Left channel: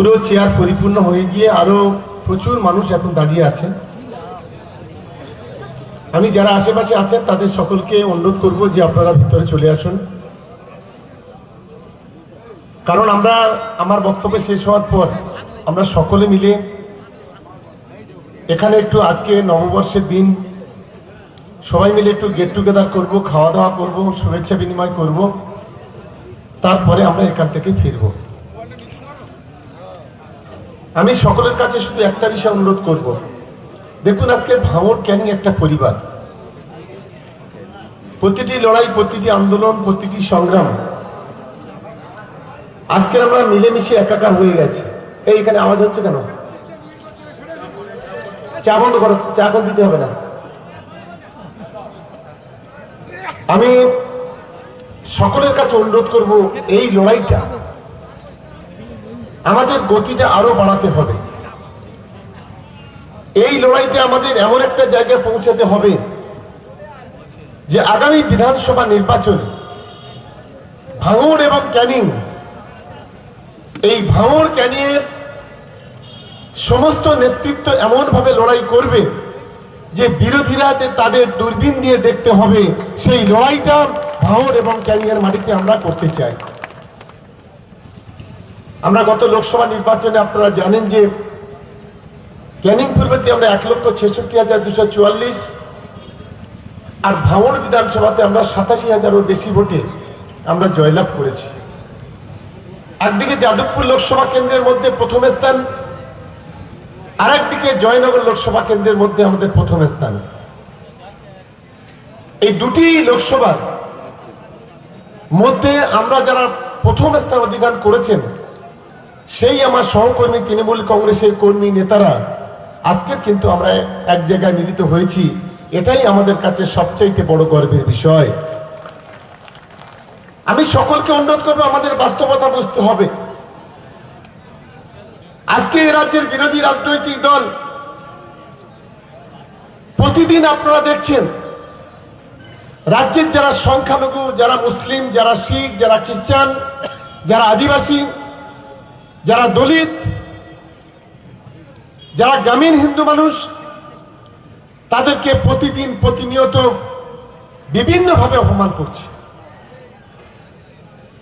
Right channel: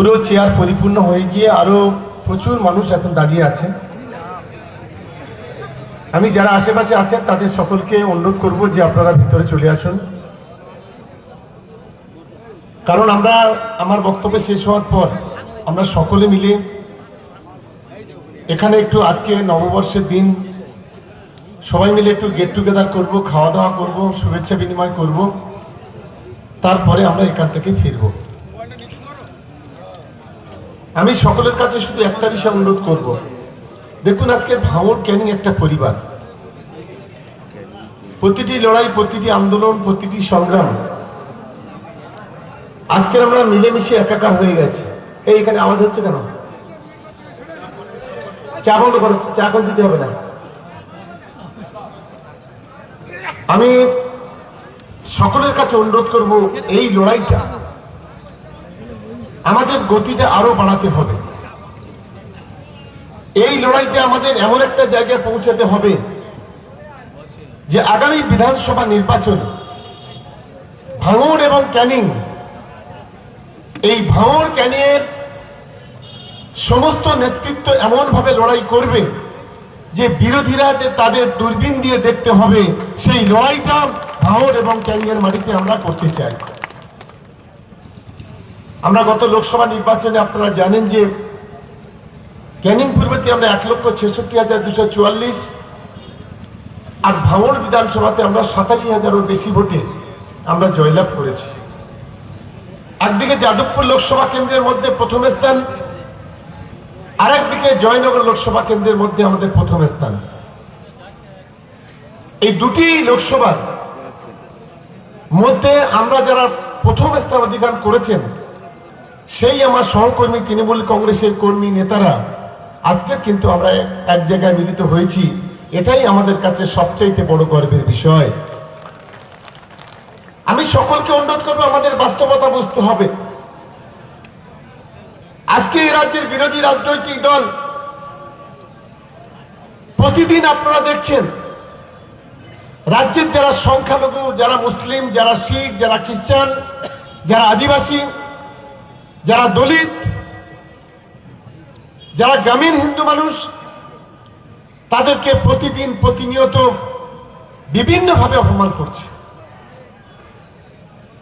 পুরো চেয়ার পরিপূর্ণ হয়ে গিয়ে আরো প্রচুর মানুষ এখন দাঁড়িয়ে আছে। আমি যারা আশেপাশে আছেন তাদের সকলকে অনুরোধ করব যে আপনারা ভিতরে চলে আসুন, কারণ আমার বক্তব্য শেষ হওয়ার পর আমরা সকলে মিলে এখানে একটু আজকে নববর্ষের দিন সবাই মিলে একটু গেট টুগেদার করব, খাওয়া দাওয়া করব, শুভেচ্ছা বিনিময় করব, তারপরে আমরা এখান থেকে ফিরব। আমি সকলের কাছে শুধু একটা বিষয় অনুরোধ করব, দেখুন আজকের ভাঙড় ক্যানিং একটা পরিবার। প্রতিটি লড়াই, প্রতিটি আন্দোলন, প্রতিটি সংগ্রাম আজকের আমরা মিলেমিশে একাকার হয়ে গেছে। এইখানে আওয়াজ হচ্ছে কেন? চা বন্ধ করো, চা এখন দিতে হবে না। আমি সকলের কাছে অনুরোধ করব, এই লড়াইটা আমাদের গতিটা আরো বাড়াতে হবে। এই লড়াইটা আমাদের এমন একটা জায়গায় পৌঁছাতে হবে যে আগামী বিধানসভা নির্বাচন ভাঙড় এবং ক্যানিং, এই ভাঙড় ক্যানিংয়ের সমস্ত নেতৃত্ব এমনভাবে লড়াই করবে যে বিরোধীরা তাদের দূরবীন দিয়ে দেখতে হবে সেই লড়াইটা ভাঙড় এবং ক্যানিংয়ের মাটিতে আমরা করতে চাই। আমরা গত লোকসভা নির্বাচনে আপনারা জানেন যে ক্যানিং পূর্বতে আমরা 1,66,244 আর ভাঙড় বিধানসভাতে আমরা 87,000-এর বেশি ভোটে আমরা জয়লাভ করেছি। একদিকে যাদবপুর লোকসভা কেন্দ্রের মধ্যে প্রথম স্থান, আর একদিকে জয়নগর লোকসভা কেন্দ্রের মধ্যে আমাদের প্রথম স্থান। এই দুটি লোকসভার মধ্যে আমরা যারা প্রথম স্থান অধিকার করেছেন সেই আমার সহকর্মী তৃণমূল কংগ্রেসের কর্মী নেতারা আজকে কিন্তু আমরা এক জায়গায় মিলিত হয়েছি। এটাই আমাদের কাছে সবচাইতে বড় গর্বের বিষয়। আমি সকলকে অনুরোধ করবো, আমাদের বাস্তবতা বুঝতে হবে। আজকে এই রাজ্যের বিরোধী রাজনৈতিক দল প্রতিদিন আপনারা দেখছেন রাজ্যের যারা সংখ্যালঘু, যারা মুসলিম, যারা শিখ, যারা খ্রিস্টান, যারা আদিবাসী, যারা দলিত, যারা গ্রামীণ হিন্দু মানুষ, তাদেরকে প্রতিদিন প্রতিনিয়ত বিভিন্নভাবে অপমান করছে।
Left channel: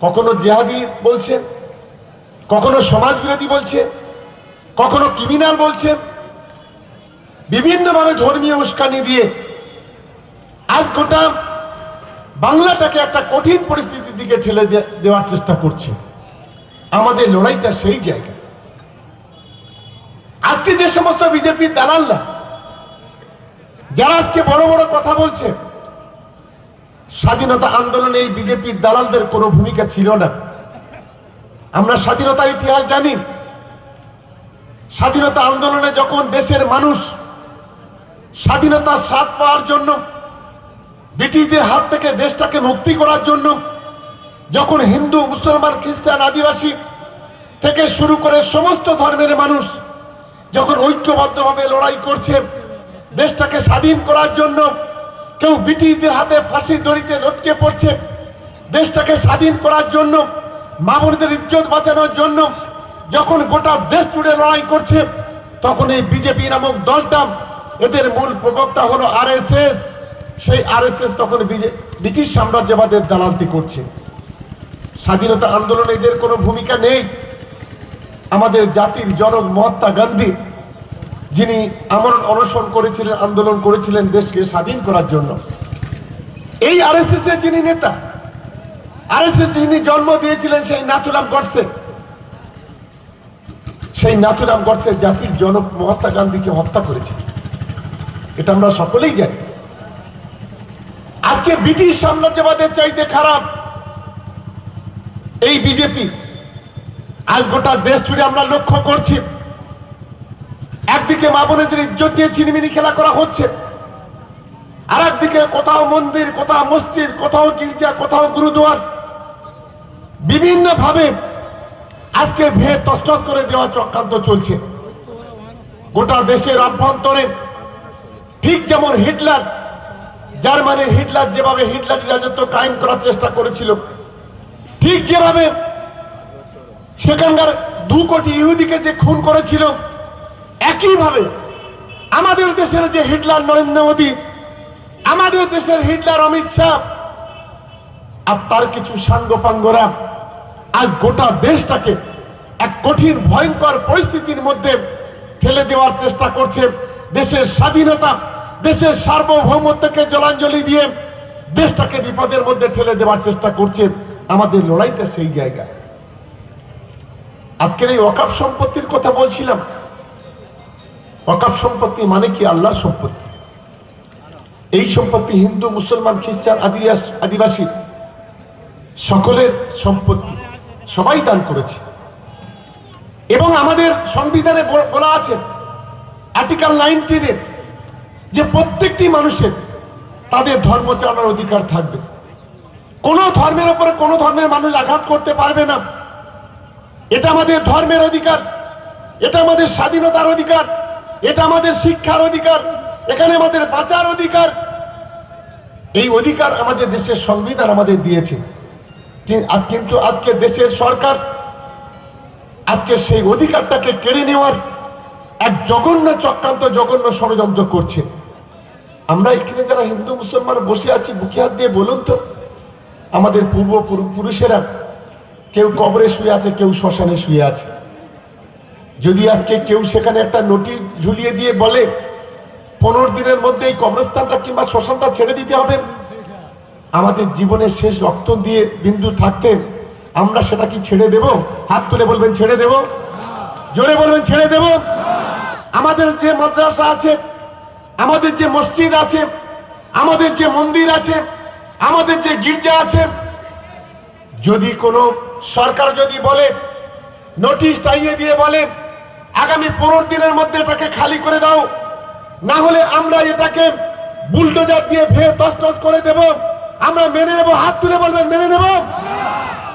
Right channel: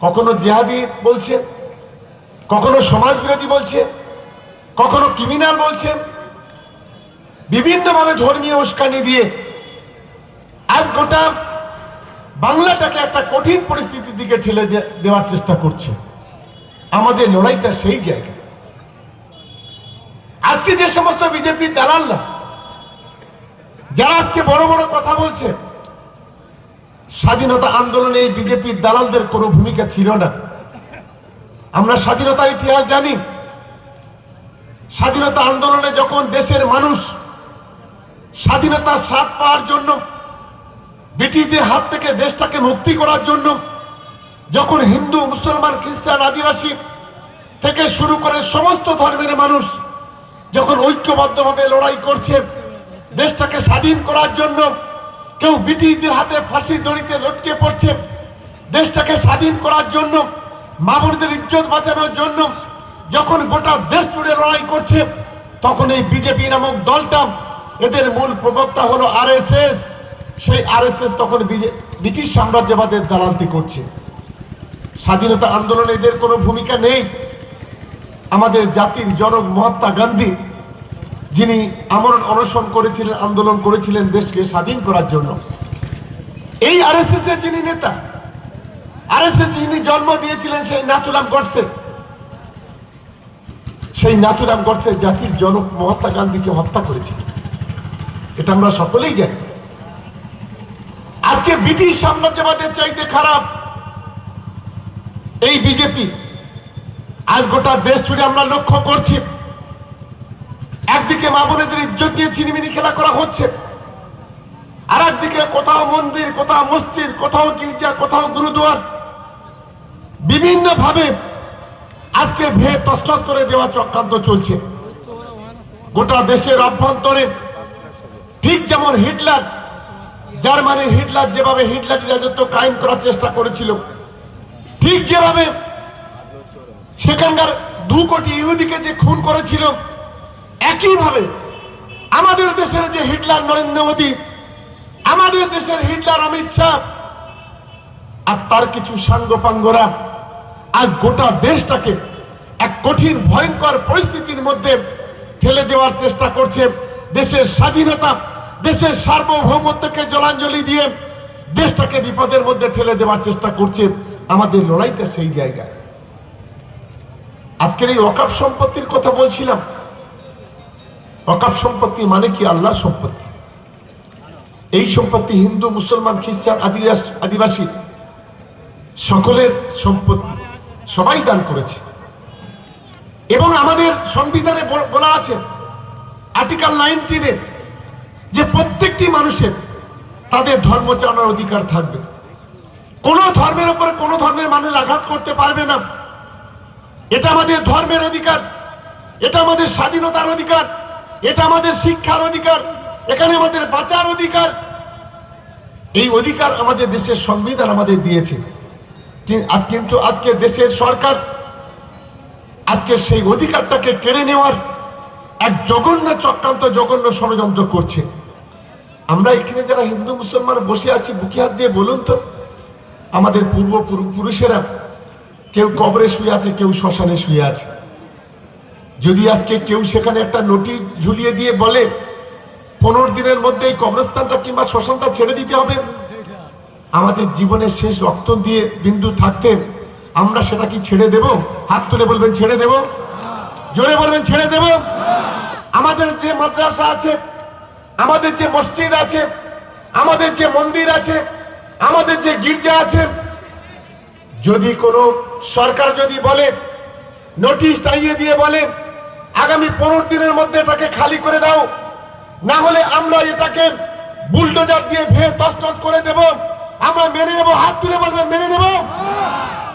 কখনো জিহাদি বলছে, কখনো সমাজ বিরোধী বলছে, কখনো ক্রিমিনাল বলছে, বিভিন্নভাবে ধর্মীয় উস্কানি দিয়ে আজ গোটা বাংলাটাকে একটা কঠিন পরিস্থিতির দিকে ঠেলে দেওয়ার চেষ্টা করছে। আমাদের লড়াইটা সেই জায়গা। আজকে যে সমস্ত বিজেপির দালালরা যারা আজকে বড় বড় কথা বলছে, স্বাধীনতা আন্দোলনে এই বিজেপির দালালদের কোনো ভূমিকা ছিল না। আমরা স্বাধীনতার ইতিহাস জানি। স্বাধীনতা আন্দোলনে যখন দেশের মানুষ স্বাধীনতার স্বাদ পাওয়ার জন্য, ব্রিটিশদের হাত থেকে দেশটাকে মুক্তি করার জন্য, যখন হিন্দু, মুসলমান, খ্রিস্টান, আদিবাসী থেকে শুরু করে সমস্ত ধর্মের মানুষ যখন ঐক্যবদ্ধভাবে লড়াই করছে দেশটাকে স্বাধীন করার জন্য, কেউ ব্রিটিশদের হাতে ফাঁসির দড়িতে লটকে পড়ছে, দেশটাকে স্বাধীন করার জন্য, মা বোনদের ইজ্জত বাঁচানোর জন্য যখন গোটা দেশ জুড়ে লড়াই করছে, তখন এই বিজেপি নামক দলটা, এদের মূল প্রবক্তা হলো আরএসএস, সেই আরএসএস তখন ব্রিটিশ সাম্রাজ্যবাদের দালালি করছে। স্বাধীনতা আন্দোলনে এদের কোনো ভূমিকা নেই। আমাদের জাতির জনক মহাত্মা গান্ধী, যিনি আমরণ অনশন করেছিলেন, আন্দোলন করেছিলেন দেশকে স্বাধীন করার জন্য, এই আরএসএস এর যিনি নেতা, আরএসএস যিনি জন্ম দিয়েছিলেন, সেই নাথুরাম গডসে, সেই নাথুরাম গডসে জাতির জনক মহাত্মা গান্ধীকে হত্যা করেছিলেন। এটা আমরা সকলেই জানি। আজকে ব্রিটিশ সাম্রাজ্যবাদের চাইতে খারাপ এই বিজেপি। আজ গোটা দেশ জুড়ে আমরা লক্ষ্য করছি, একদিকে মা বোনেদের ইজ্জত দিয়ে ছিনিমিনি খেলা করা হচ্ছে, আর একদিকে কোথাও মন্দির, কোথাও মসজিদ, কোথাও গির্জা, কোথাও গুরুদুয়ার বিভিন্ন ভাবে আজকে ভেদ তছনছ করে দেওয়া চক্রান্ত চলছে গোটা দেশের অভ্যন্তরে। ঠিক যেমন হিটলার, জার্মানির হিটলার যেভাবে হিটলারি রাজত্ব কায়েম করার চেষ্টা করেছিল, ঠিক যেভাবে সেখানকার 2 কোটি ইহুদিকে যে খুন করেছিল, একইভাবে আমাদের দেশের যে হিটলার নরেন্দ্র মোদী, আমাদের দেশের হিটলার অমিত শাহ আর তার কিছু সাঙ্গপাঙ্গরা আজ গোটা দেশটাকে এক কঠিন ভয়ঙ্কর পরিস্থিতির মধ্যে ঠেলে দেওয়ার চেষ্টা করছে। দেশের স্বাধীনতা, দেশের সার্বভৌমত্বকে জলাঞ্জলি দিয়ে দেশটাকে বিপদের মধ্যে ঠেলে দেওয়ার চেষ্টা করছে। আমাদের লড়াইটা সেই জায়গায়। আজকের এই ওয়াকফ সম্পত্তির কথা বলছিলাম। ওয়াকফ সম্পত্তি মানে কি? আল্লাহর সম্পত্তি। এই সম্পত্তি হিন্দু, মুসলমান, খ্রিস্টান, আদিবাসী সকলের সম্পত্তি, সবাই দান করেছে। এবং আমাদের সংবিধানে বলা আছে আর্টিকেল 19-এ যে প্রত্যেকটি মানুষের তাদের ধর্ম চালানোর অধিকার থাকবে। কোন ধর্মের উপরে কোন ধর্মের মানুষ আঘাত করতে পারবে না। এটা আমাদের ধর্মের অধিকার, এটা আমাদের স্বাধীনতার অধিকার, এটা আমাদের শিক্ষার অধিকার, এখানে আমাদের বাঁচার অধিকার। এই অধিকার আমাদের দেশের সংবিধান আমাদের দিয়েছে। কিন্তু আজকে দেশের সরকার আজকে সেই অধিকারটাকে কেড়ে নেওয়ার এক জঘন্য চক্রান্ত, জঘন্য ষড়যন্ত্র করছে। আমরা এখানে যারা হিন্দু মুসলমান বসে আছি, বুকে হাত দিয়ে বলুন তো, আমাদের পূর্বপুরুষেরা কেউ কবরে শুয়ে আছে, কেউ শ্মশানে শুয়ে আছে। যদি আজকে কেউ সেখানে একটা নোটিশ ঝুলিয়ে দিয়ে বলে 15 দিনের মধ্যে এই কবরস্থানটা কিংবা শ্মশানটা ছেড়ে দিতে হবে, আমাদের জীবনের শেষ রক্ত দিয়ে বিন্দু থাকতে আমরা সেটা কি ছেড়ে দেব? হাত তুলে বলবেন ছেড়ে দেব, জোরে বলবেন ছেড়ে দেব। আমাদের যে মাদ্রাসা আছে, আমাদের যে মসজিদ আছে, আমাদের যে মন্দির আছে, আমাদের যে গির্জা আছে, যদি কোনো সরকার যদি বলে, নোটিশ টাইয়ে দিয়ে বলে আগামী 15 দিনের মধ্যে এটাকে খালি করে দাও, না হলে আমরা এটাকে বুলডোজার দিয়ে ভেঙে তছনছ করে দেব, আমরা মেনে নেব। হাত তুলে বলবেন মেনে নেব?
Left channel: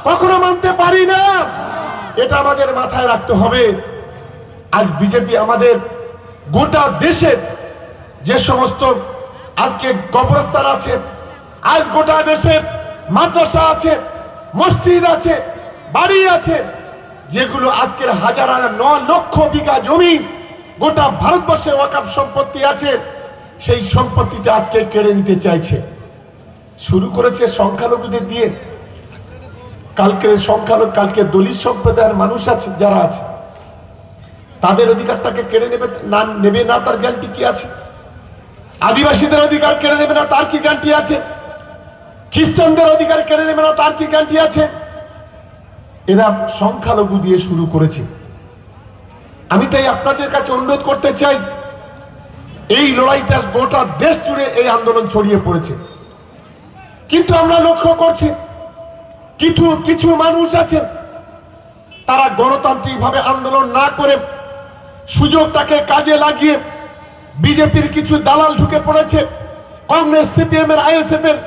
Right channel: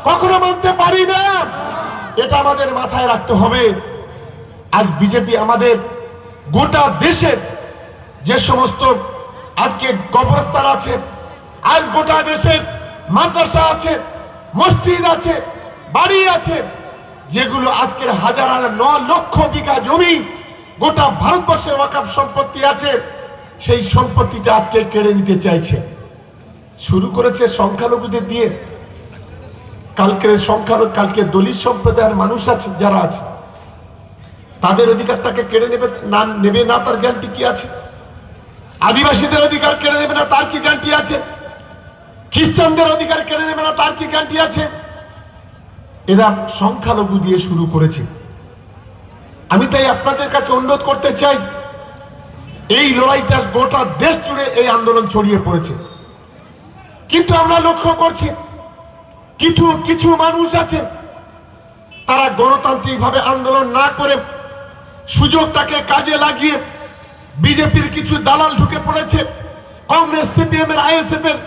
কখনো মানতে পারি না। এটা আমাদের মাথায় রাখতে হবে। আজ বিজেপি আমাদের গোটা দেশের যে সমস্ত আজকে কবরস্থান আছে, আজ গোটা দেশের মাদ্রাসা আছে, মসজিদ আছে, বাড়ি আছে, যেগুলো আজকের হাজার হাজার 9 লক্ষ বিঘা জমি গোটা ভারতবর্ষে ওয়াকফ সম্পত্তি আছে, সেই সম্পত্তিটা আজকে কেড়ে নিতে চাইছে। শুরু করেছে সংখ্যালঘুদের দিয়ে। কালকে দলিত সম্প্রদায়ের মানুষ আছে, যারা আছে তাদের অধিকারটাকে কেড়ে নেবে না তার গ্যারান্টি কি আছে? আদিবাসীদের অধিকার কেড়ে নেবে না তার কি গ্যারান্টি আছে? খ্রিস্টানদের অধিকার কেড়ে নেবে না তার কি গ্যারান্টি আছে? এরা সংখ্যালঘু দিয়ে শুরু করেছে। আমি তাই আপনাদের কাছে অনুরোধ করতে চাই, এই লড়াইটা গোটা দেশ জুড়ে এই আন্দোলন ছড়িয়ে পড়েছে। কিন্তু আমরা লক্ষ্য করছি কিছু মানুষ আছে, তারা গণতান্ত্রিকভাবে আন্দোলন না করে সুযোগটাকে কাজে লাগিয়ে বিজেপির কিছু দালাল ঢুকে পড়েছে, কংগ্রেস, সিপিএম এর, আইএসএফ এর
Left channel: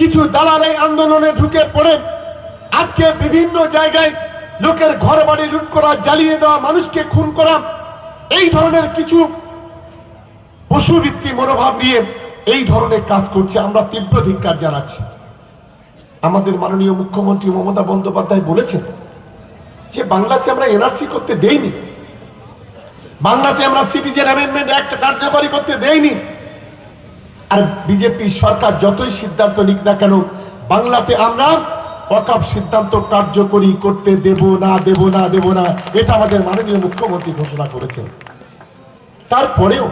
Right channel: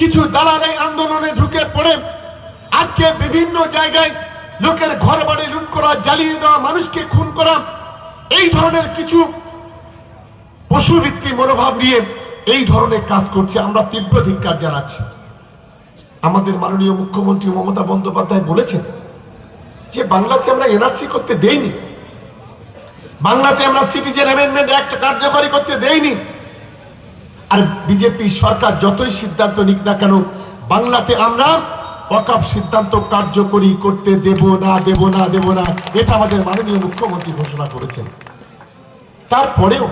কিছু দালাল এই আন্দোলনে ঢুকে পড়ে আজকে বিভিন্ন জায়গায় লোকের ঘর বাড়ি লুট করা, জ্বালিয়ে দেওয়া, মানুষকে খুন করা, এই ধরনের কিছু পশুবৃত্তি মনোভাব নিয়ে এই ধরনের কাজ করছে। আমরা তীব্র ধিক্কার জানাচ্ছি। আমাদের মাননীয় মুখ্যমন্ত্রী মমতা বন্দ্যোপাধ্যায় বলেছেন যে বাংলাতে আমরা এনআরসি করতে দেইনি, বাংলাতে আমরা সিটিজেন অ্যামেন্ডমেন্ট অ্যাক্ট কার্যকরী করতে দেইনি। আর বিজেপি সরকার যতই সিদ্ধান্ত নিক না কেন, বাংলাতে আমরা ওয়াকফ সিদ্ধান্ত কার্যকরী করতে দেব না, দেব না, দেব না, এটা আমাদের মাননীয় মুখ্যমন্ত্রী ঘোষণা করেছেন। তারপরেও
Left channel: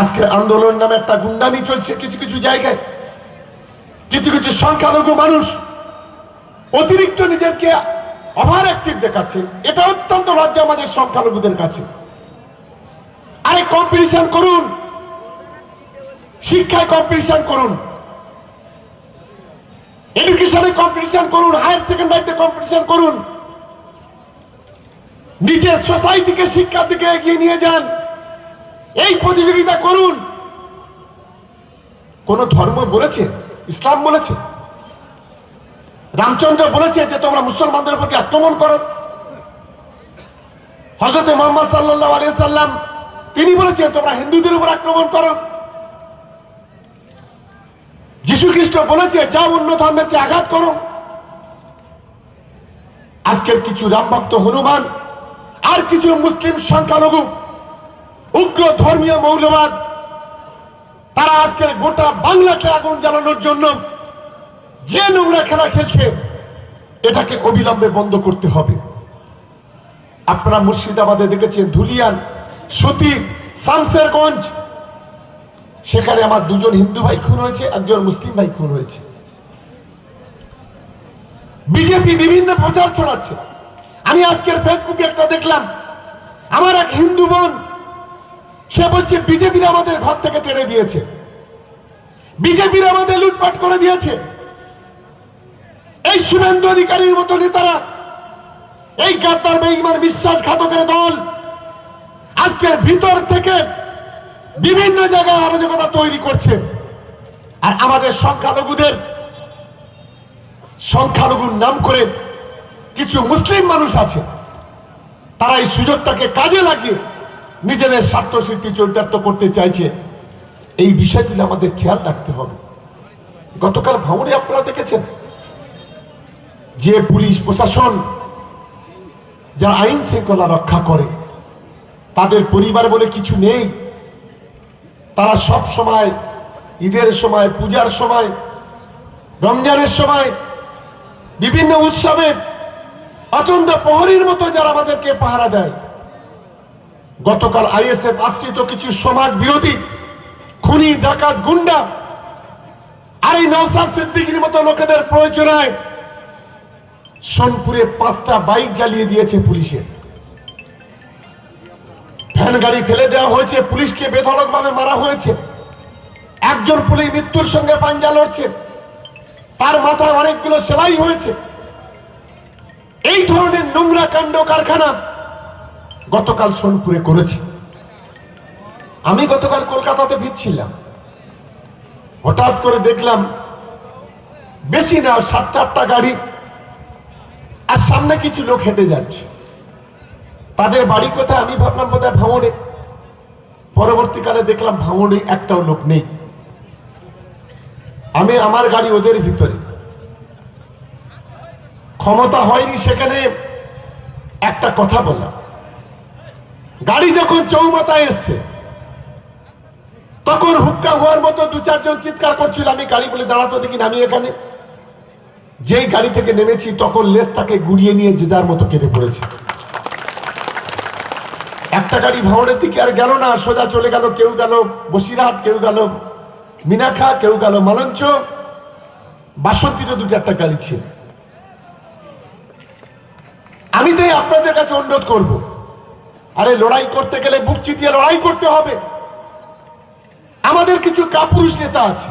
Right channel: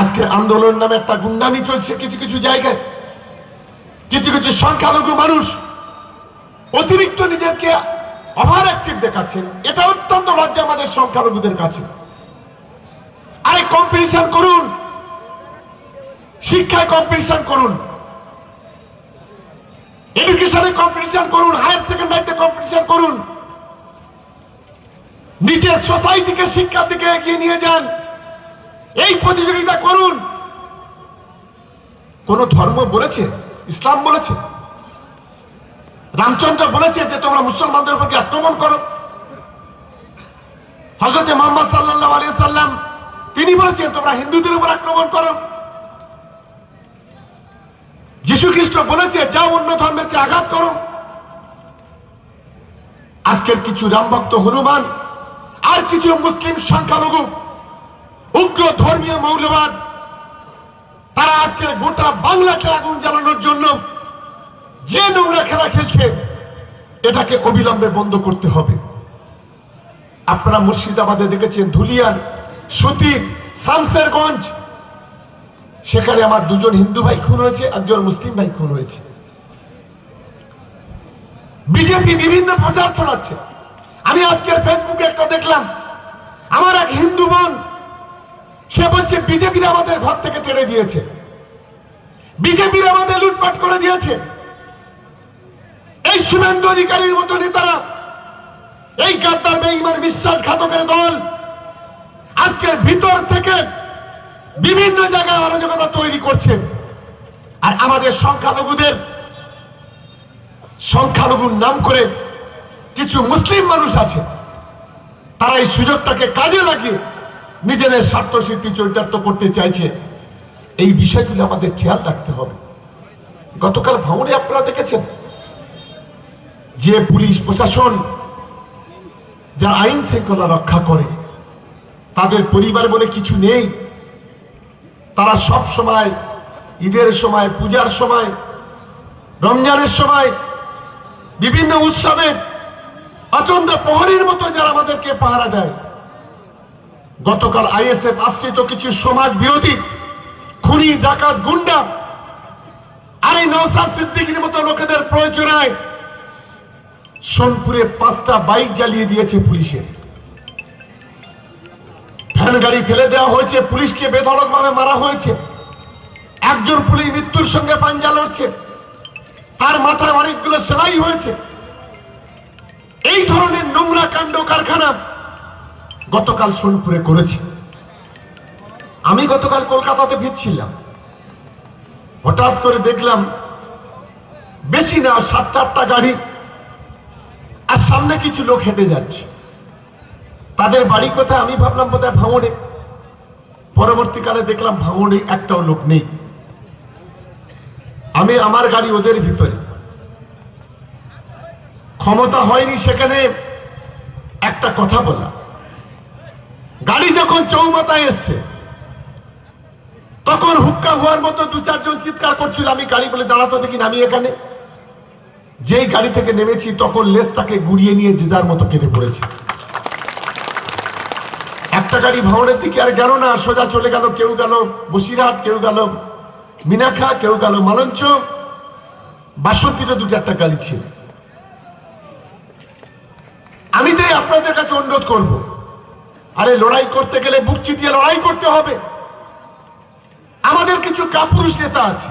আজকের আন্দোলন নামে একটা গুন্ডামি চলছে কিছু কিছু জায়গায়। কিছু সংখ্যালঘু মানুষ অতিরিক্ত নিজেকে ওভার অ্যাক্টিভ দেখাচ্ছেন। এটা অত্যন্ত লজ্জা আমাদের সংখ্যালঘুদের কাছে। আরে কম্পিটিশন করুন, শিক্ষায় কম্পিটিশন করুন, এডুকেশনে কম্পিটিশন করুন, হায়ার সেকেন্ডারিতে কম্পিটিশন করুন, নিজের সোসাইটিকে শিক্ষার দিকে এগিয়ে নিয়ে যান, এই প্রতিযোগিতা করুন। কোন ধর্ম বলেছে, ইসলাম বলেছে, রামচন্দ্র বলেছে যে তোমরা মুসলমানদের উপর আক্রমণ করো? হযরত মুহাম্মদ সাল্লাল্লাহু আলাইহি সাল্লাম তিনি বলেছেন তোমরা হিন্দুদের উপর আক্রমণ করো? যিশু খ্রিস্ট বলেছে যাও অন্য ধর্মেরকে আঘাত করো? আজকের কিছু রামভক্ত হনুমান আর কিছু মুসলিম সংখ্যালঘু উগ্র ধর্মীয় মৌলবাদ, তারা আজকের গোটা বাংলাকে আগুন জ্বালানোর জন্য যে নোংরা খেলা খেলছে, এটাকে অবিলম্বে বন্ধ করতে হবে। আপনারা মুর্শিদাবাদে দেখেছেন ধুলিয়ান, সুতি, শামসেরগঞ্জ, সেখানে আমার দুজন হিন্দু ভাই খুন হয়েছে, একজন মুসলিম ভাই খুন হয়েছে। বিজেপি বিভিন্ন প্রচার ছড়াচ্ছে। আমি আজকের ফেসবুকে একটা দেখলাম, আমার এক হিন্দু বোন, সে বলছে বিজেপির আমাদের ঘর থেকে তেড়ে দিয়েছে, বিজেপির আমাদের লুটপাট করে দিয়েছে। এই শুভেন্দু অধিকারীর মতো নেতারা, এই গাদ্দার বেঈমান বিশ্বাসঘাতকের দল আজকের ভিতর থেকে বিভিন্ন জায়গায় অরাজকতা তৈরি করছে। আর আমাদের সংখ্যালঘুর নাম করে কিছু মুসলিম মানুষ আছে, তারা এই সুযোগটাকে কাজে লাগিয়ে নিজেদের স্বার্থ সিদ্ধি চরিতার্থ করতে চাইছে। এই বিষয়গুলো আমাদের খেয়াল রাখতে হবে। গতকাল ভাঙড়ে আপনারা দেখেছেন যে পুলিশ প্রশাসন, যারা আইন শৃঙ্খলা রক্ষা করে, তাদের পরিবার বলে কিছু নেই। তারা সব সময়, ঈদের সময়, পূজার সময়, রমজানের সময়, বিভিন্ন উৎসবে অচন্দ্র প্রহরীর মতো যারা আমাদেরকে পাহারা দেয়। গতকাল আইএসএফ আশ্রিত কিছু সমাজ বিরোধী খুনি, ডাকাত, গুন্ডা আর এই নওশাদ সিদ্দিকীর মতো লোকেদের প্রয়োজনায় সোনপুরে 5টা বাইক জ্বালিয়ে দিয়েছে পুলিশের। ভ্যান গাড়ি ফেলে দেওয়া হয়েছে, পুলিশকে বেধড়কভাবে মারা হয়েছে। একজন পুলিশ মৃত্যুর সঙ্গে পাঞ্জা লড়ছে, তার মাথায় অনেকগুলো সেলাই হয়েছে। এই ধরনের নোংরা কাণ্ড কারখানা গতকাল সোনপুরে করেছে। আমি গতকাল কলকাতাতে ফিরছিলাম, হঠাৎ করে দেখলাম বেশি না 7-8টা গাড়ি, আর সামনে কিছু লোক হেঁটে যাচ্ছে। তাদের বাড়ি কোথায় আমি ভাবলাম বোধহয় ভাঙড়ে। পরবর্তীকালে দেখলাম ভাঙড়ে একটাও লোক নেই। আমি আমার গাড়ি ওদের ভিতরে, ক্ষমতা হয়নি সেখানে একটা কথা বললাম। গাড়ি যখন চৌমাথায় এসছে তখন হুক্কা হওয়ার মতো 2-4 জন চিৎকার করছিল। আমি গাড়ি বলে দাঁড়াতে দেখি, নামি এখানে। যেই গাড়ি থেকে নেমেছি তখন লেজটাকে গুড়িয়ে নিয়ে যে যার মতো কেটে পড়েছে। একটা গাড়ি ভাঙড়ের দিকে আর গেল না, সোজা চলে গেল। কেউ গেল বসিরহাট, কেউ গেল মিনাখা, কেউ গেল মালঞ্চ। বাসন্তীতে 2-4টা গাড়ি ছিল। আমি তাই আপনাদের কাছে অনুরোধ করব, আরে লড়াই করতে গেলে বুক চিতিয়ে লড়াই করতে হবে। আমাদের কিছু কাপুরুষ নেতা আছে,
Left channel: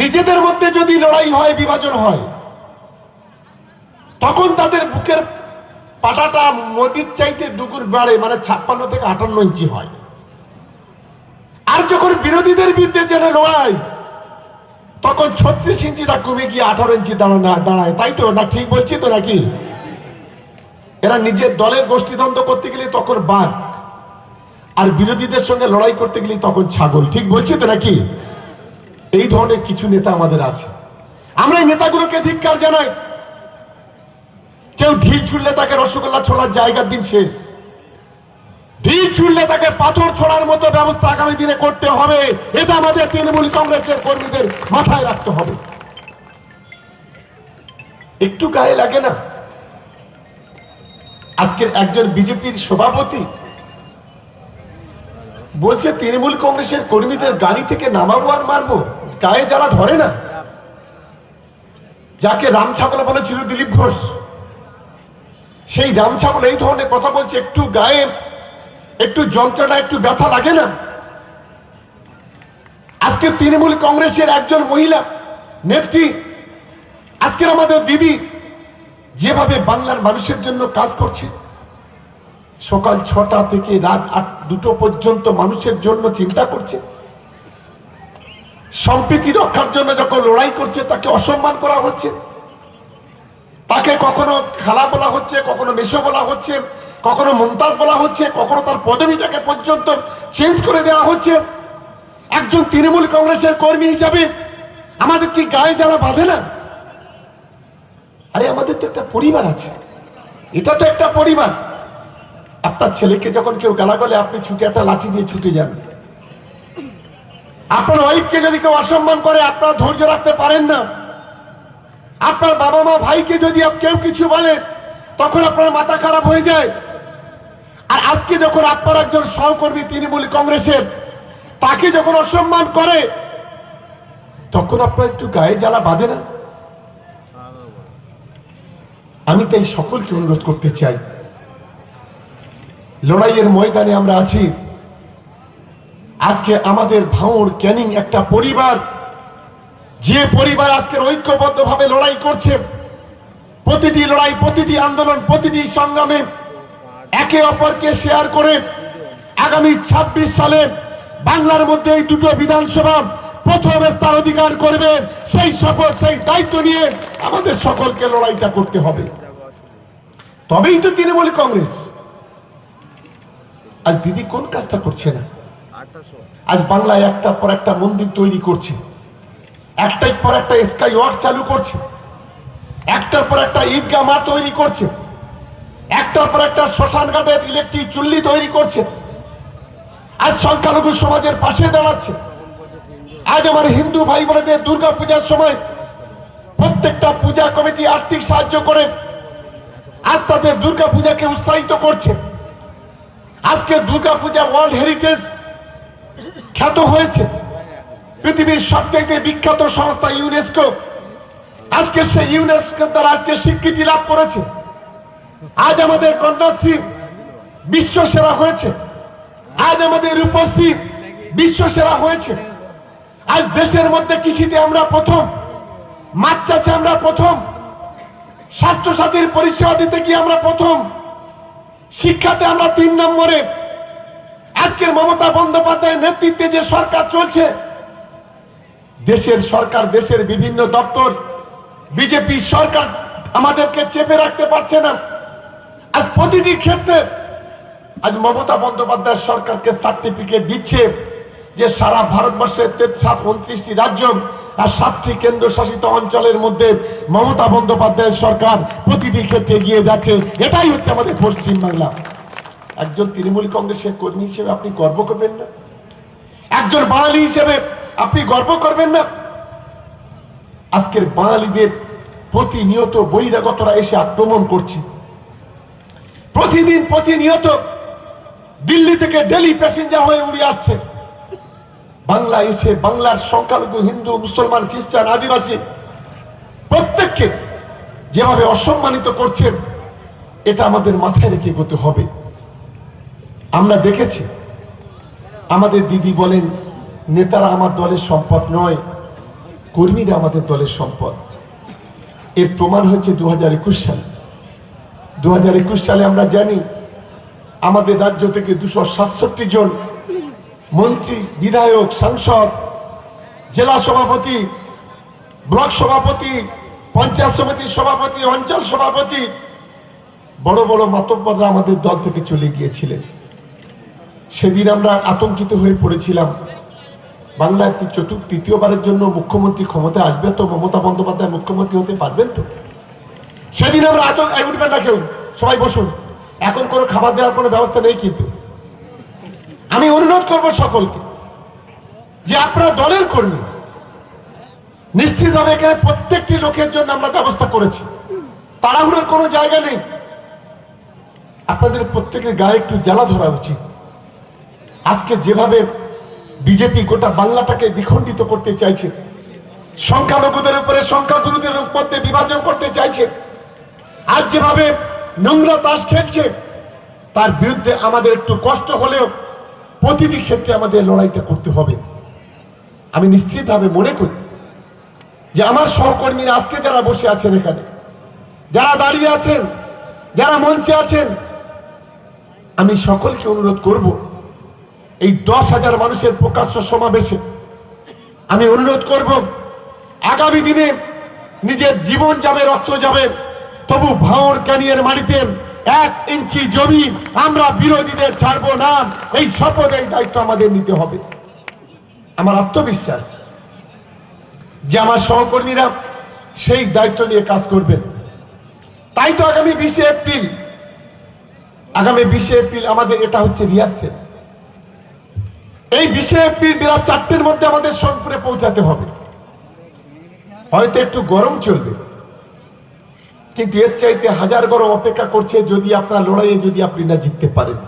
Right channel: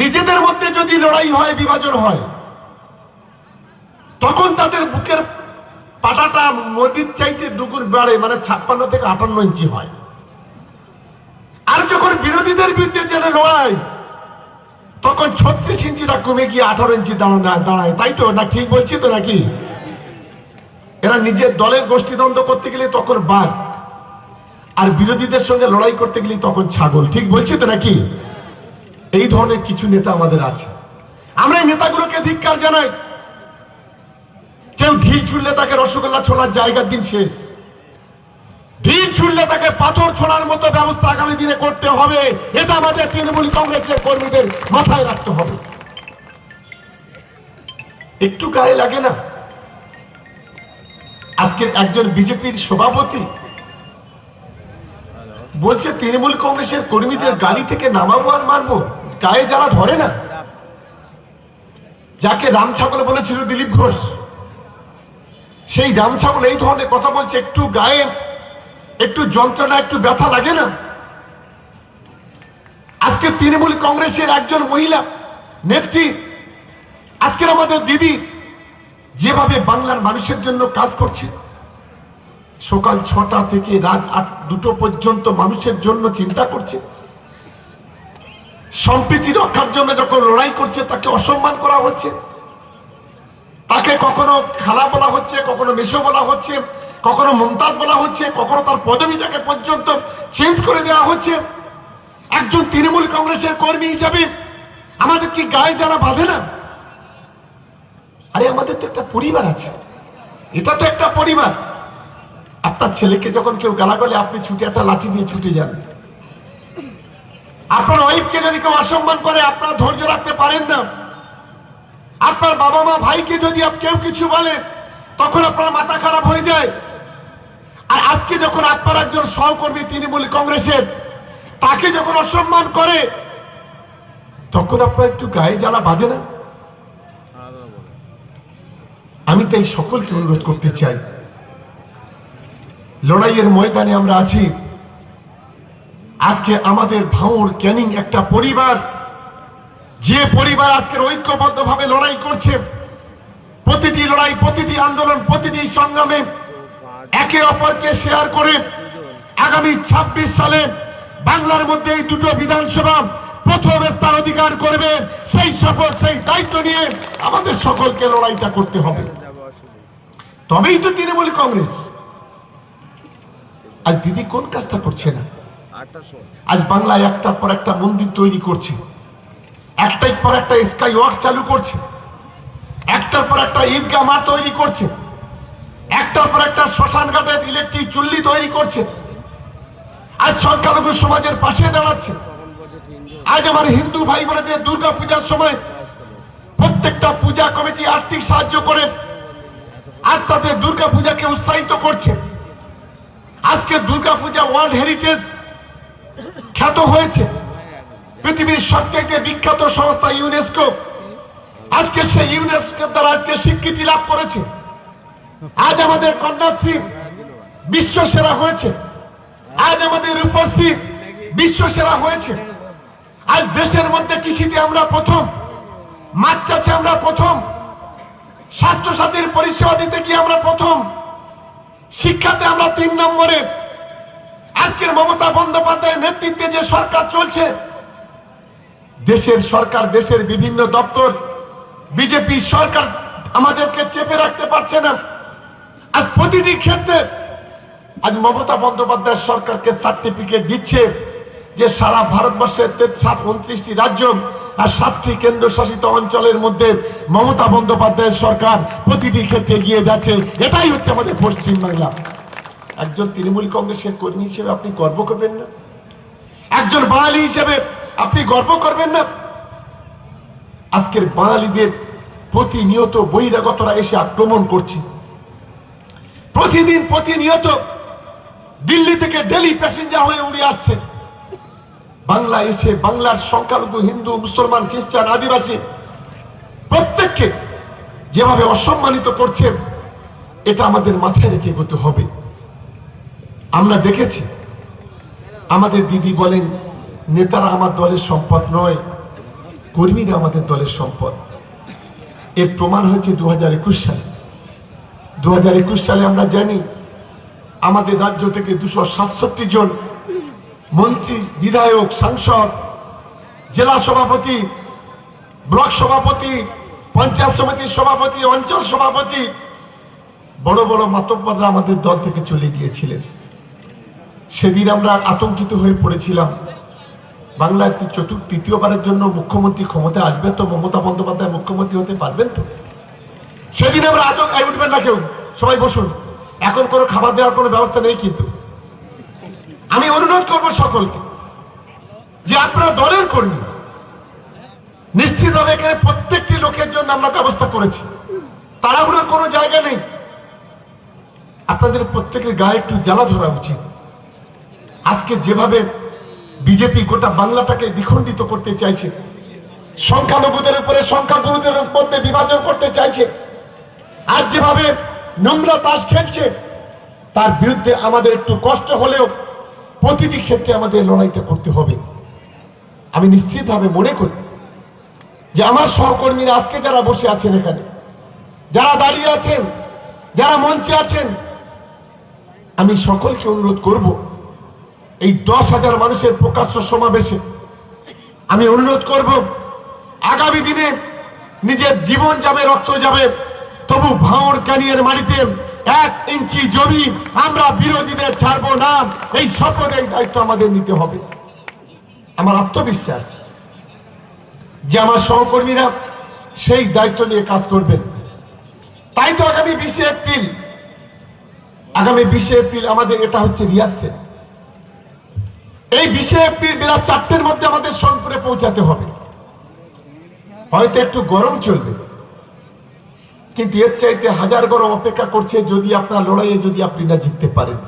নিজেদের মধ্যে যদি লড়াই হয়, বিভাজন হয়, তখন তাদের বুকের পাটাটা মোদির চাইতে দুগুণ বাড়ে, মানে 56 থেকে 58 ইঞ্চি হয়। আর যখন বিরোধীদের বিরুদ্ধে যেন লড়াই, তখন 36 ইঞ্চিটা কমে গিয়ে 18 ইঞ্চি দাঁড়ায়। তাই তো না? ঠিক বলছি তো নাকি? এরা নিজের দলের গোষ্ঠীদ্বন্দ্ব করতে গেলে তখন বাঘ, আর বিরোধীদের সঙ্গে লড়াই করতে গেলে তখন ছাগল। ঠিক বলছি তো নাকি? এই ধরনের কিছু নেতা আমাদের আছে। আমরা এই নেতাগুলোকে ধিক্কার জানাই। কেউ ঢিল ছুড়লে তাকে রসগোল্লা ছোড়ার জায়গার দিন শেষ। ঢিল ছুড়লে তাকে পাথর ছোড়ার মতো ব্যবস্থা আগামী দিনে করতে হবে। এটা আমাদের তৃণমূল কংগ্রেসের কর্মীদের মাথায় রাখতে হবে। একটু গায়ে লাগে না? আজকের একজন বিজেপির সভাপতি বলছে তৃণমূল কংগ্রেসের কর্মীদের গাড়ি থেকে নামাবো আর মারবো। গায়ে জ্বালা ধরে না? যাকে রামছাগল বলেছিল দিলীপ ঘোষ, সেই রামছাগল এই ধরনের কথা বলছে। একটু গায়ে একটু যন্ত্রণা, একটু ব্যথা লাগে না? আজকে তৃণমূল কংগ্রেসের একজন মহিলা নেত্রী, আজকের আমাদের দিদি, যেভাবে বাংলার মানুষের জন্য কাজ করছে, সকাল 6টা থেকে রাত 2টো পর্যন্ত মানুষের জন্য চিন্তা করছে, সম্প্রীতি রক্ষার জন্য যখন লড়াই করছে, তাকে অসম্মান করা হচ্ছে। তাকে কখনো খালা বলা হচ্ছে, কখনো মেশো বলা হচ্ছে, কখনো মমতাজ বলা হচ্ছে, কখনো তার পদবিটাকে পর্যন্ত চেঞ্জ করে দেওয়া হচ্ছে। একজন তৃণমূল কংগ্রেসের কর্মী হিসাবে আমাদের কি গায়ে জ্বালা বাঁধে না? আরে আমাদের তো একটা পরিবার আছে, এটা তো একটা পরিবার। আপনার ছেলেকে যখন কেউ গালাগালে আপনি ছুটে একটা লাঠি দিয়ে ছুটে যান। আপনার ওয়াইফকে যদি কেউ অসম্মান করে আপনারা ধৈর্য রাখতে পারেন না। আপনার বাবা মা ভাইকে যদি কেউ কিছু বলে তখন আপনার মাথা খারাপ হয়ে যায়। আর আজকে যখন আপনার একজন সহকর্মী তৃণমূল কংগ্রেসের তাকে যখন অসম্মান করে তখন আপনার একটু গায়ে জ্বালা বাঁধে না? আমি তাই সকলকে অনুরোধ করতে চাই, লড়াইয়ের ময়দানে আমরা আছি। আজকে আমাদের ভাঙড় ক্যানিং একটা পরিবার, যে পরিবার আজকের ঐক্যবদ্ধভাবে লড়াই করছে। প্রতিটি লড়াই, প্রতিটি আন্দোলন, প্রতিটি সংগ্রামে একে অপরকে শেয়ার করে আগামী 26 সালে বাংলার মধ্যে এই দুটো বিধানসভা প্রথম স্থান অধিকার করবে, সেই শপথ, সেই দায়িত্ব নিয়ে আমাদের সকলকে লড়াইটা করতে হবে। তবেই তো তৃণমূল কংগ্রেস। আজ দিদি কোন কাজটা করছে না? আজ বাংলায় একটার পর একটা মন্দির তৈরি করছে, একটার পর একটা স্কাই ওয়াক চালু করছে, একটার পর একটা ঈদগাহ মাঠ তৈরি করছে, একটার পর একটা শ্মশান ঘাটের ইলেকট্রিক চুল্লি তৈরি করছে। আজ সংখ্যালঘু সমাজের পাশে দাঁড়াচ্ছে। আজ আমার হিন্দু ভাই বোনদের দুর্গা পূজার সময় প্রত্যেকটা পূজা কমিটি আর্থিক সাহায্য করে আজ তাদের দুর্গা পূজাকে উৎসাহিত করছে। আজকে দুর্গা পূজা ওয়ার্ল্ড হেরিটেজ খ্যাত হয়েছে, পৃথিবীর সবচাইতে বিখ্যাত সংস্থা ইউনেস্কো আজকে সেই ইউনেস্কো দ্বারা আজকে স্বীকৃতি লাভ করেছে। আজ আমাদের কন্যাশ্রী বিশ্ব সেরা হয়েছে, আজ আমাদের রূপশ্রী বিশ্ব সেরা হয়েছে। আজ দেশের মধ্যে কৃষিতে আমরা প্রথম, মাছ চাষে আমরা প্রথম, স্বাস্থ্য সাথীর পরিষেবা দিতে গিয়ে আমরা প্রথম, শিক্ষাতে আমরা 3 নম্বরে। আজকের মমতা বন্দ্যোপাধ্যায়ের নেতৃত্বে যে সরকার চলছে, দেশের সরকার, দেশের বিভিন্ন দপ্তর, বিজেপি সরকার আমাদেরকে চেপে রাখতে পারছে না। আজ প্রতিটি ক্ষেত্রে আজ মমতা বন্দ্যোপাধ্যায় সরকারকে সার্টিফিকেট দিচ্ছে যে সারা ভারতবর্ষের 29টি রাজ্য আর 7টি কেন্দ্রশাসিত অঞ্চলের মধ্যে মমতা বন্দ্যোপাধ্যায়ের সরকার প্রতিটি ক্ষেত্রে এগিয়ে যাচ্ছে। এটাই হচ্ছে আমাদের পশ্চিমবাংলা। একজন তৃণমূল কংগ্রেসের কর্মী হিসেবে আপনি গর্ব করবেন না? একজন বাঙালি হিসেবে আপনি গর্ব করবেন না? আজকের বাঙালিদের প্রতিনিয়ত বহিরাগতরা এসে আক্রমণ করছে। প্রতিদিন প্রতিনিয়ত দিল্লি থেকে ডেলি প্যাসেঞ্জার হয়ে উড়ে আসছে বাংলা এসে বাংলার সংখ্যালঘু হিন্দু, মুসলমান, খ্রিস্টান, আদিবাসী প্রত্যেককে যেভাবে অসম্মানিত করছে, এটা আমাদের মাথায় রেখে এগোতে হবে। আমরা দেখেছি, আমাদের দিদি বলেন নেতারা আমার দলের সম্পদ নয়, কর্মীরা আমাদের দলের সম্পদ। এর প্রমাণ হয়েছে 2021 সালে। 2021 সালে আমরা জানি আমাদের রাজ্য থেকে 267 জন মন্ত্রী, বিধায়ক, সাংসদ, জেলা সভাপতি, ব্লক সভাপতি, পঞ্চায়েত সমিতির সভাপতি, অঞ্চল সভাপতি, বড় বড় মাতব্বররা আমাদের দল থেকে চলে গিয়েছিলেন। সেদিন আমরা আতঙ্কিত হয়ে পড়েছিলাম, বাংলায় তৃতীয়বারের জন্য মুখ্যমন্ত্রী ক্ষমতায় আসবে তো মমতা বন্দ্যোপাধ্যায় মুখ্যমন্ত্রী হতে পারবেন তো? সেদিন আমরা আতঙ্কায় উঠবেন না কেউ, সবাই বসুন, এখন কোনো খাবার দেওয়ার কোনো ব্যবস্থা নেই। কিন্তু আমি অনুরোধ করব সকলকে যে আপনারা দলের কর্মী, নিশ্চিতভাবে এখানে প্রত্যেকটি লোকের জন্য আমরা ব্যবস্থা করেছি, তাড়াহুড়োর কোনো জায়গা নেই। আপনাদের প্রত্যেকের গায়ে একটু জ্বালা ধরা উচিত। আজকে যেভাবে বিজেপি গোটা বাংলাটাকে দ্বিখণ্ডিত করতে চাইছে, সংখ্যালঘুদের উপরে সংখ্যাগুরুদের মধ্যে বিভাজন করতে চাইছে, আজ যেভাবে নোংরা তাস খেলছে, তার বিরুদ্ধে আমাদের একটু কষ্ট হলেও প্রতিটি ক্ষেত্রে আমাদের লড়াইটা করতে হবে। আমি নিশ্চিতভাবে মনে করি যে আমার সহকর্মীরা আজকে যারা বসে আছেন, এখানে যারা দাঁড়িয়ে আছেন, যারা মঞ্চে আছেন, আমি সকলকে অনুরোধ করব এই 10,000 মানুষের প্রকাশ্য সমাবেশে আমি অনুরোধ করব, আগামী দিনে নিজের জীবন যাবে, রক্ত যাবে, তবু ভাঙড় ক্যানিংয়ের মাটিতে 1 ইঞ্চি জমি আমরা বিরোধীদের ছাড়বো না। এই শপথ, এই দায়িত্ব আমাদের নিতে হবে। আমার আত্মবিশ্বাস যে আমার সহকর্মীরা সেই দায়িত্ব নিয়ে কাজ করবেন। তাই তো আগামী 20শে এপ্রিল আমাদের এটা হচ্ছে রিহার্সেল। এই 20শে এপ্রিল বেলা 4টের মধ্যে আমাদের সোনপুরে পৌঁছাতে হবে। হয়তো একটু গরম চলবে, কিন্তু এর চাইতে হাজার গরম অপেক্ষা করছে যদি আপনার লড়াইয়ে যদি আপনি না জিততে পারেন।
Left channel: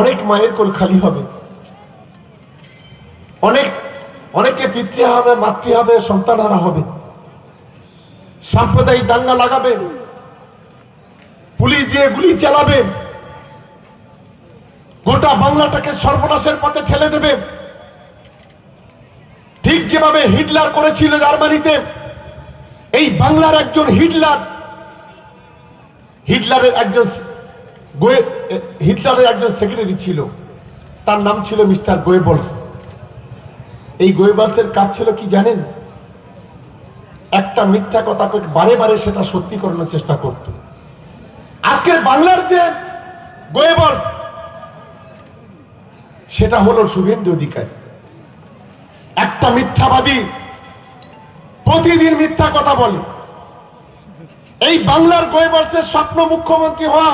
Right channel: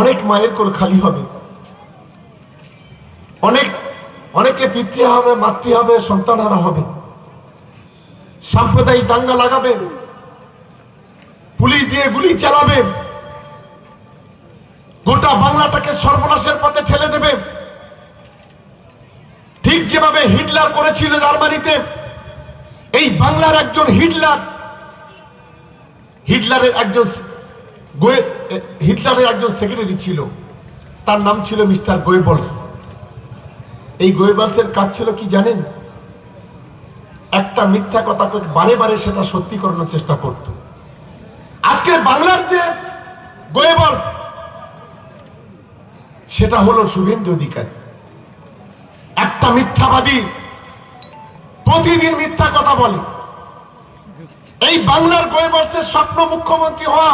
অনেক মায়ের কোল খালি হবে, অনেকে পিতৃ হবে, মাতৃ হবে, সন্তানহারা হবে, সাম্প্রদায়িক দাঙ্গা লাগাবে, পুলিশ দিয়ে গুলি চালাবে, গোটা বাংলাটাকে সর্বনাশের পথে ঠেলে দেবে। ঠিক যেভাবে হিটলার করেছিল জার্মানিতে, এই বাংলার একজন হিটলারের একজন সেক্রেটারি ছিল, তার নাম ছিল মিস্টার গোয়েবলস। এই গোয়েবলসের কাজ ছিল কি জানেন? একটা মিথ্যা কথা বারে বারে সেটা সত্যি করানোর চেষ্টা করত। আজকের বাংলার যে গোয়েবলস, সেটা হলো শুভেন্দু অধিকারী। একটা মিথ্যাবাদী, প্রতিদিন মিথ্যা কথা বলে। এই বাংলার গোয়েবলসের স্বপ্ন মুখ্যমন্ত্রী হওয়া।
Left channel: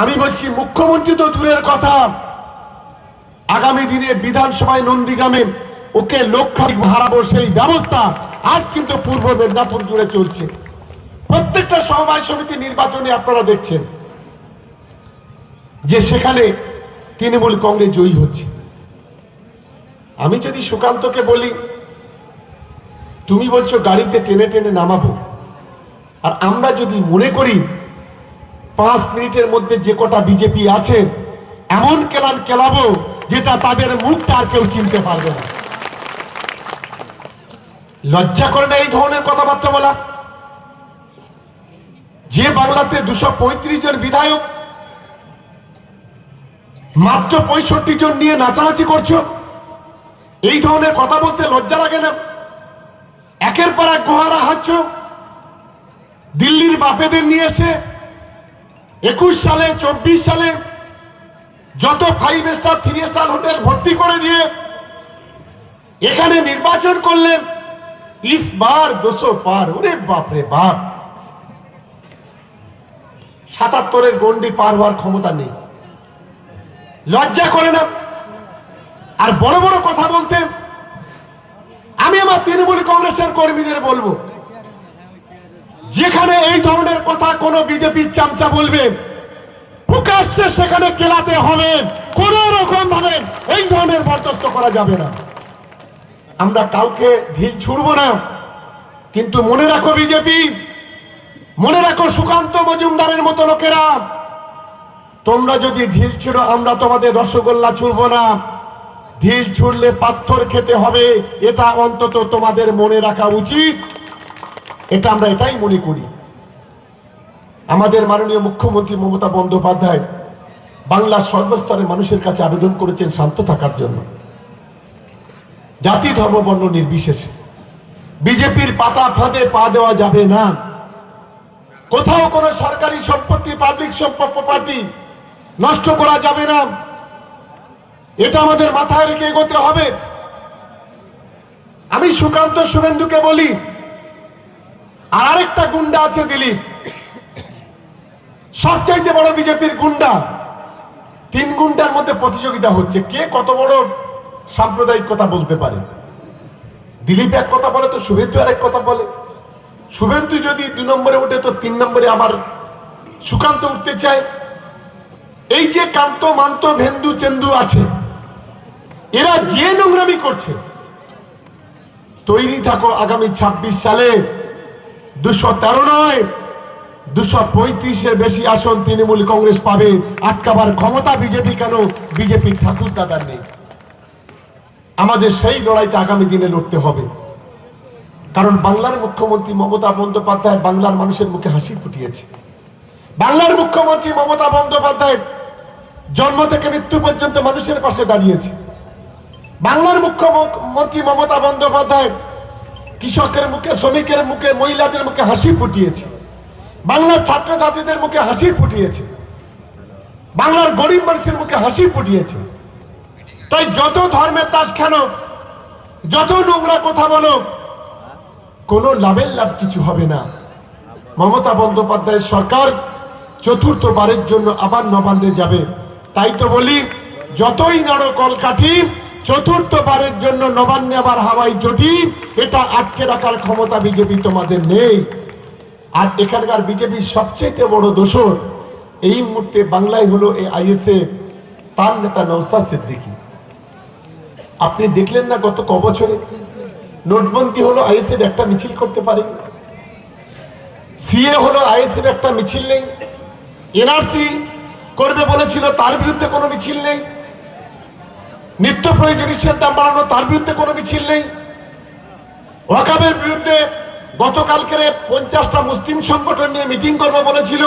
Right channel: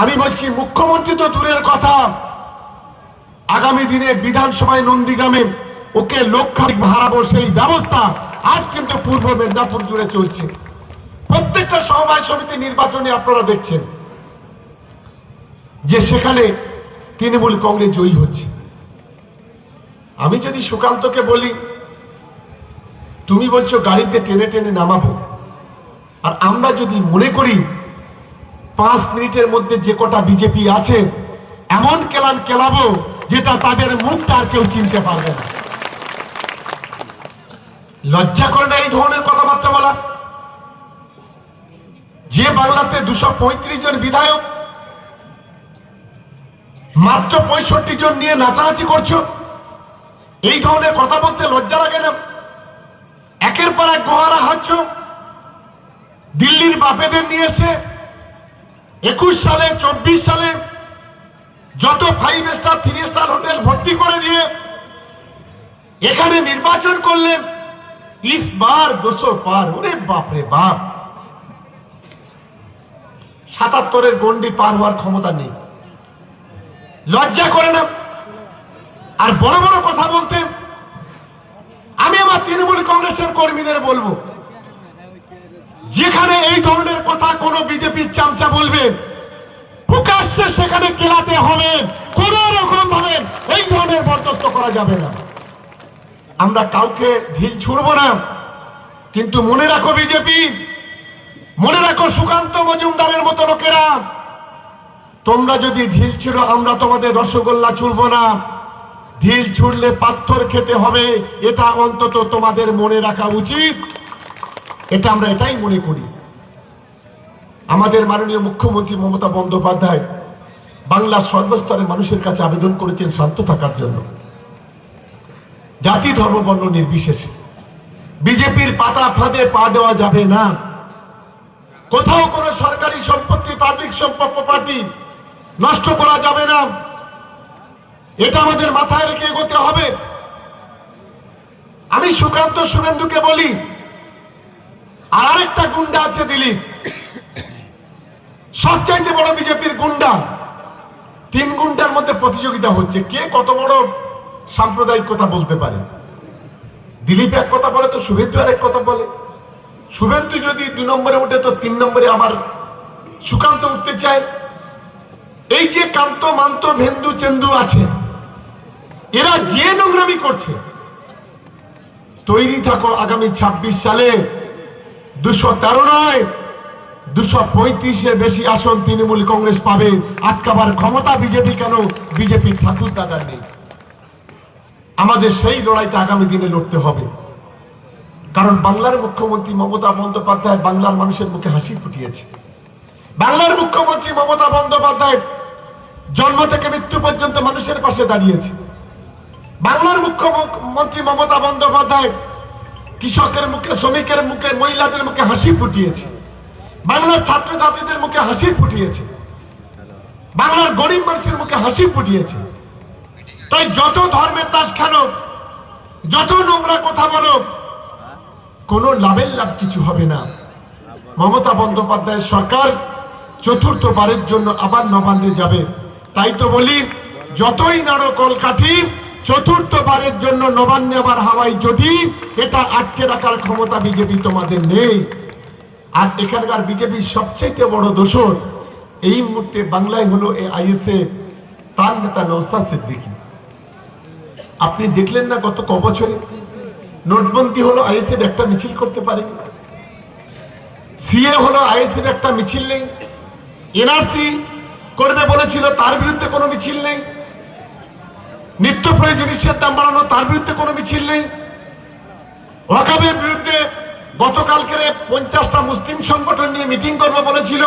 আমি বলছি মুখ্যমন্ত্রী তো দূরের কথা, আগামী দিনে বিধানসভায় নন্দীগ্রামে ওকে লক্ষাধিক হারাবো সেই ব্যবস্থা আজ কিন্তু পূর্ব মেদিনীপুর জুড়ে চলছে। প্রত্যেকটা সমবায় সমিতি নির্বাচনে আপনারা দেখছেন যে সেখানে তৃণমূল কংগ্রেস জয়ী হচ্ছে। আমি যদি সুকান্তকে বলি, তুমি বলছো গাড়িতে টেনে টেনে নামাবো, আর আমরা যদি মনে করি 5 মিনিটের মধ্যে যে কটা বিজেপি আছে এমন কেলান কেলাবো যেটা তাদের মুখটা আর কেউ চিনতে পারবে না। লজ্জা করে না এই ধরনের কথাবার্তা বলা? যে বাংলাতে 235 জন বিধায়ক, মাত্র 65 জন নিয়ে নাচানাচি করছো, এই ধরনের কথা বলতে লজ্জা লাগে না? একের পর এক গোহারা হাঁটছ। দিল্লির বাপেদের নিয়ে এসে 21 সালে 24 সালে যত 5 স্টার 3 স্টার হোটেল ভর্তি করে দিয়ে এখানে নির্বাচন করলেন। इस बार 200 পার। ওরে বাপরে বাপ, 77-এর গন্ডি পার হওয়ার ক্ষমতা নেই। লজ্জা করে না? আর বড় বড় কথা বলতে আমি আমার তৃণমূল কংগ্রেসের কর্মীদের বলবো, যেখানে এই ধরনের কথা কোন বিজেপির চামচা বলবে প্রকাশ্যে সেখানে কেলাতে হবে। কোন রকম ভাবে এই ধরনের বরদাস্ত করা যাবে না। আমরা কাউকে ঢিল ছুড়বো না, কিন্তু মনে রাখো বিজেপি, মনে রাখো সুকান্ত মজুমদারের মতো লোকেরা, তোমরা যদি ঢিল ছিড়ো আমরা তোমাদের রসগোল্লা ছুড়বো না। ঢিল ছুড়লে পাথর খেতে হবে, এটা অন্তত তোমাদের মনে রাখা উচিত। এটা আমরা এটাই মনে করি। আমাদের মাননীয় মুখ্যমন্ত্রী মমতা বন্দ্যোপাধ্যায় বাংলার সর্বস্তরের মানুষের কাছে আবেদন করেছেন শান্ত থাকার জন্য, জাতি ধর্ম বর্ণ নির্বিশেষে। বিজেপির পাতা ফাঁদে পা দেওয়া যাবে না। কোথাও কোনো সরকারি সম্পত্তি, পাবলিক প্রপার্টি নষ্ট করা যাবে না। এটা আমাদের মাথায় রেখে এগোতে হবে। আমি সুকান্ত শুভেন্দুকে বলি, আর আরেকটা গুন্ডা আছে দিলীপ, সবচাইতে বড় বিজেপির গুন্ডা। 3 গুন্ডার মধ্যে প্রতিযোগিতা হচ্ছে কে কত বড় সাম্প্রদায়িক কথা বলতে পারে। দিলীপ এক কথা বলে তো শুভেন্দু আর এক কথা বলে। শুভেন্দু যদি 2 নম্বরে উঠে তো 3 নম্বরে আবার সুকান্ত উঠতে চায়। এই যে কান্ত মান্ত ভেন্দু চেন্দু আছে, এরা যে নোংরামি করছে, তৈরি থাকো আগামী 26 সালে 213 নয় 235-এর বেশি আসন তৃণমূল কংগ্রেস পাবে। আটকাবার ক্ষমতা বিজেপি কেন? বিজেপির ঠাকুর দাদার নেই। আমাদের সেই লড়াইটা আগামী দিনে লড়তে হবে। কারণ বাংলার মুখ্যমন্ত্রী মমতা বন্দ্যোপাধ্যায় বাংলার মানুষের মুখে হাসি ফুটিয়েছে। বাংলার মুখ্যমন্ত্রী মমতা বন্দ্যোপাধ্যায় জন্ম থেকে মৃত্যু পর্যন্ত মানুষের পাশে দাঁড়িয়েছে। বাংলার মুখ্যমন্ত্রী মমতা বন্দ্যোপাধ্যায় কৃষকের মুখে, শ্রমিকের মুখে, মহিলাদের মুখে হাসি ফুটিয়েছে। বাংলার ছাত্রছাত্রীদের মুখে হাসি ফুটিয়েছে। বাংলার গরিব মানুষের মুখে হাসি ফুটিয়েছে। তাই যত ধর্মের তাস খেলো, যত নোংরা কথা বলো, কোনো লাভের লাভ কিছু হবে না। মমতা বন্দ্যোপাধ্যায়ের সরকার চতুর্থবারের জন্য আবার নবান্নে যাবে। তাই তো বলি, যতই নাড়ো কলকাঠি, চতুর্থবারের জন্য নবান্নে আবার হাওয়াই জটি, এটা আটকে রাখার ক্ষমতা বিজেপি তোমাদের নেই। আর এখানকার বিজেপির সবচেয়ে বড় দোষর এই মুহূর্তে বাংলায় হলো এই আইএসএ, তার নেতা নওশাদ সিদ্দিকী। আপনি দেখলেন না গত কবছরে নোটবন্দি হলো, আইএসএফ একটা মিছিল করতে পারেন, সিএ হলো, আইএসএফ একটা মিছিল নেই, এনআরসি করবে বলেছিল তার বিরুদ্ধে কোনো মিছিল নেই, নিত্য প্রয়োজনীয় দাম বাড়ানো তার বিরুদ্ধে কোনো মিছিল নেই, ওয়াকাবের বিরুদ্ধে গতকালকে 50টা মুসলিম সংগঠন নিয়ে মিটিং করবে বলেছিল,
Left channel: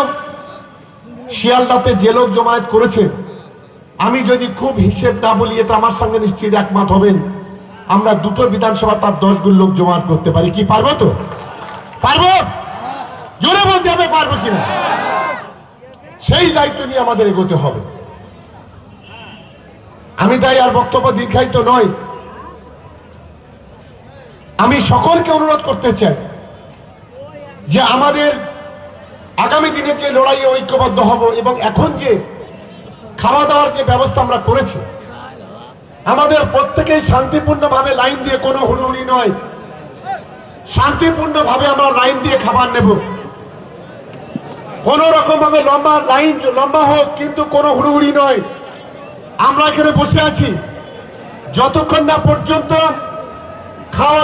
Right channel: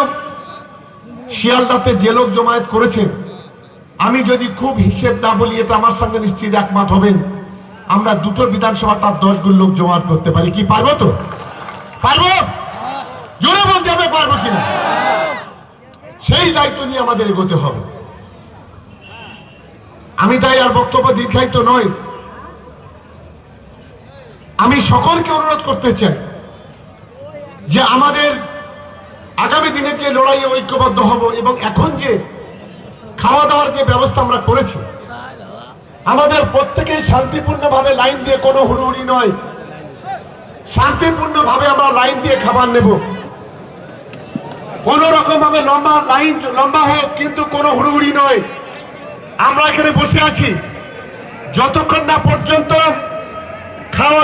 শিয়ালদাতে যে লোক জমায়েত করেছে, আমি যদি খুব হিসেব না বলি, এটা আমার সঙ্গে নিশ্চিত একমত হবেন, আমরা দুটো বিধানসভা তার 10 গুণ লোক জমায়েত করতে পারি। কি পারবো? তো পারবো, জোরে বলতে হবে পারবো কিনা। সেই দায়িত্ব নিয়ে আমাদের এগোতে হবে। আমি তাই আর বক্তব্য দীর্ঘায়িত নয়, আমি সকলকে অনুরোধ করতে চাই যে আমাদের আগামী দিনে যে লড়াইয়ে ঐক্যবদ্ধ হব, এবং এখন যে খাওয়া দাওয়ার যে ব্যবস্থা আমরা করেছি, আমাদের প্রত্যেকেই শান্তিপূর্ণভাবে লাইন দিয়ে, কোনো হুড়োহুড়ি নয়, শান্তিপূর্ণভাবে আমরা লাইন দিয়ে খাবার নেব। কোন রকম ভাবে লম্বা হোক, কিন্তু কোনো হুড়োহুড়ি নয়। আমরা এখানে বসে আছি, যতক্ষণ না পর্যন্ত খাওয়া